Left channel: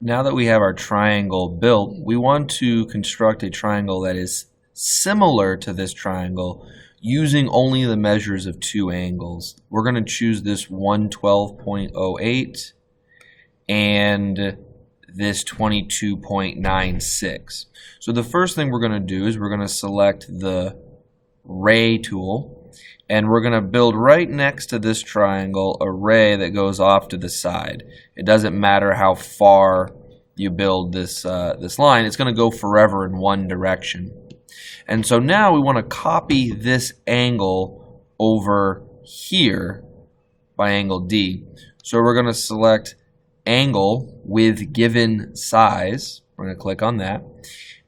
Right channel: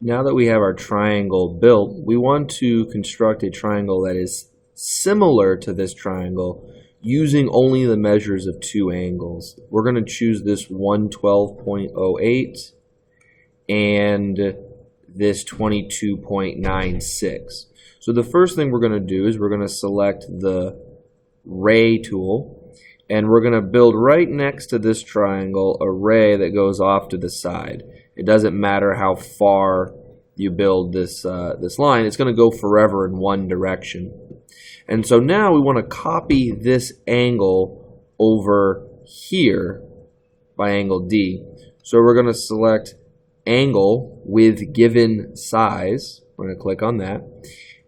Now that we have our triangle built, we want to construct a triangle that is similar to this triangle using only the measures of two angles. We're going to choose this 112.08 and this 22.96. So the first thing we're going to do is we're going to select the ray tool, and we're going to build right next to this triangle a ray that goes off to the side. It doesn't matter how far you build this line, it's going to go forever in one direction. And so now we want to copy this angle over here by angle D. So we're going to select angle with given size. We're going to click on that.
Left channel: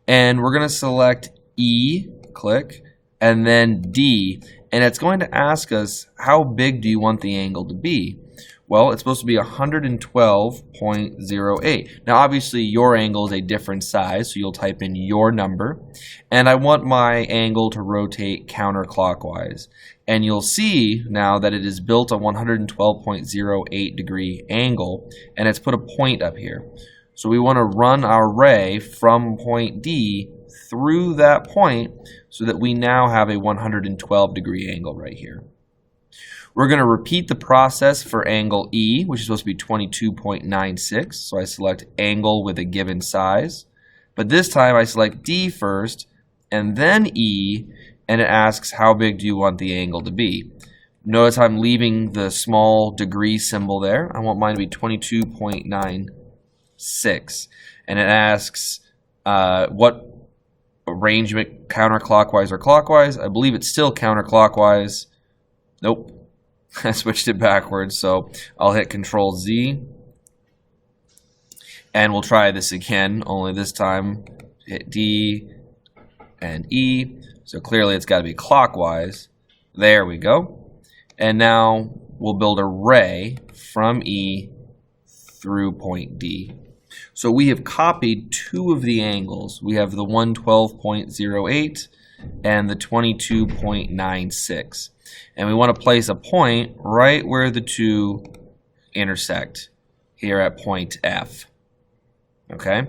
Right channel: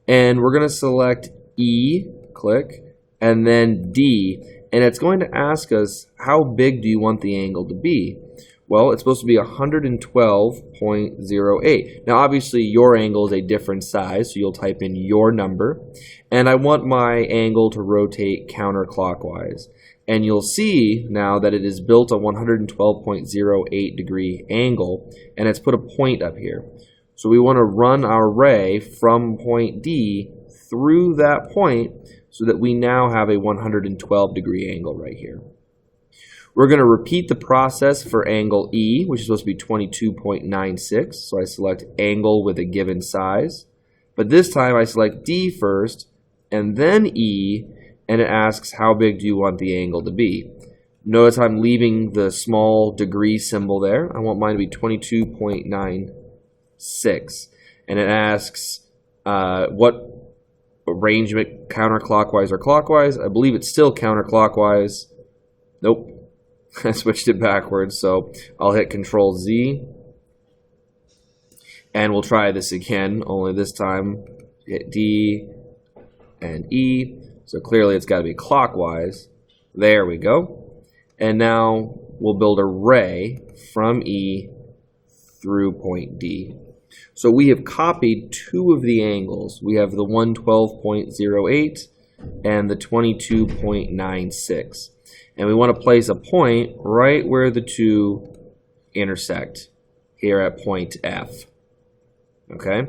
And we're going to select E, click, and then D. And it's going to ask us, how big do you want the angle to be? Well, it's supposed to be 112.08. Now, obviously, your angle is a different size, so you'll type in your number. And I want my angle to rotate counterclockwise. And you'll see now that it is built a 112.08 degree angle, and it's put a point up here. So we want to run our ray from point D through that point so that we now have a 112 degree angle right here. We're going to repeat the process for angle E, which is supposed to be 22.96. So I select angle with a given size. But this time I select D first and then E, and it asks how big do you want the angle to be. Notice I'm leaving the small degree symbol there. I want mine to be 22.96. And it asks what arrangement, counterclockwise or clockwise. I believe it's still counterclockwise. Nope. I switched it backwards, so I'll hit Control Z. And we'll try this again, only this time hit D and E. So clearly it's got to be clockwise. There we go. And now we'll build a ray from E through point D. So we have copied two of the angles. We have the 112.08 and the 22.96. And we want to place a point right where the two intersect, here at point F. Okay?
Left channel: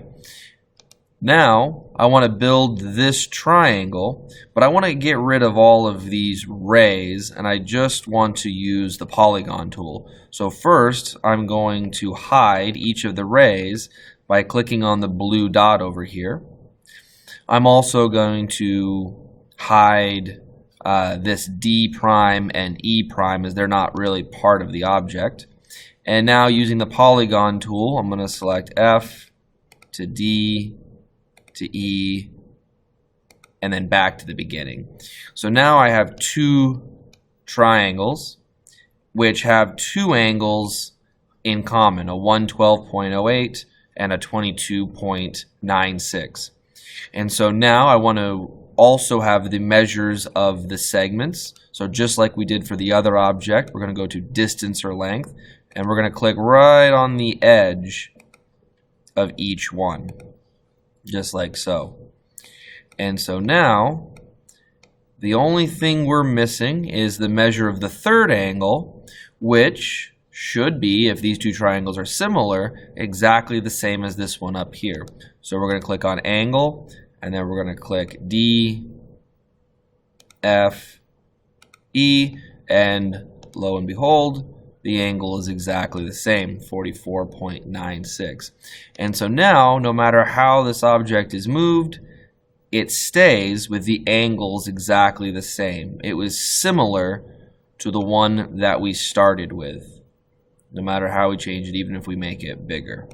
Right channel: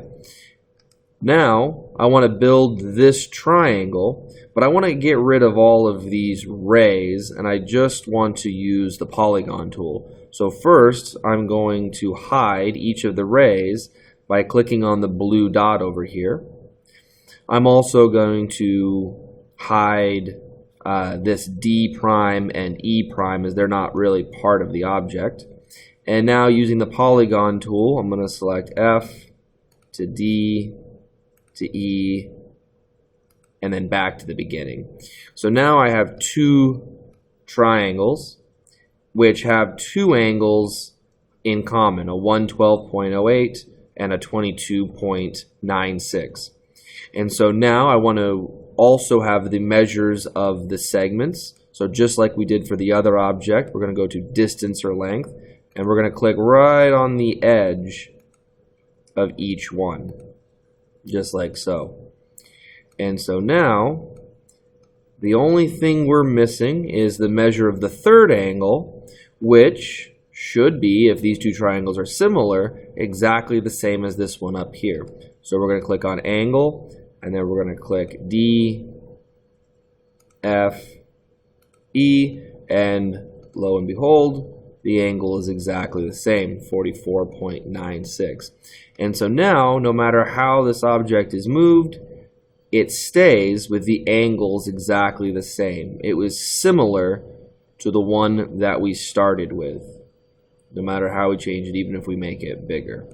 Now, I want to build this triangle, but I want to get rid of all of these rays, and I just want to use the polygon tool. So first, I'm going to hide each of the rays by clicking on the blue dot over here. I'm also going to hide this D prime and E prime, as they're not really part of the object. And now using the polygon tool, I'm going to select F to D to E and then back to the beginning. So now I have two triangles which have two angles in common, a 112.08 and a 22.96. And so now I want to also have the measures of the segments. So just like we did for the other object, we're going to go to distance or length, and we're going to click right on the edge of each one, just like so. And so now the only thing we're missing is the measure of the third angle, which should be, if these two triangles are similar, exactly the same as this one up here. So we're going to click on angle, and then we're going to click D, F, E, and lo and behold, the angle is exactly the same, 44.96. And so now, no matter how this object is moved, it stays with the angles exactly the same. It was similar to the one that we started with, no matter how we change it, even if we make it bigger.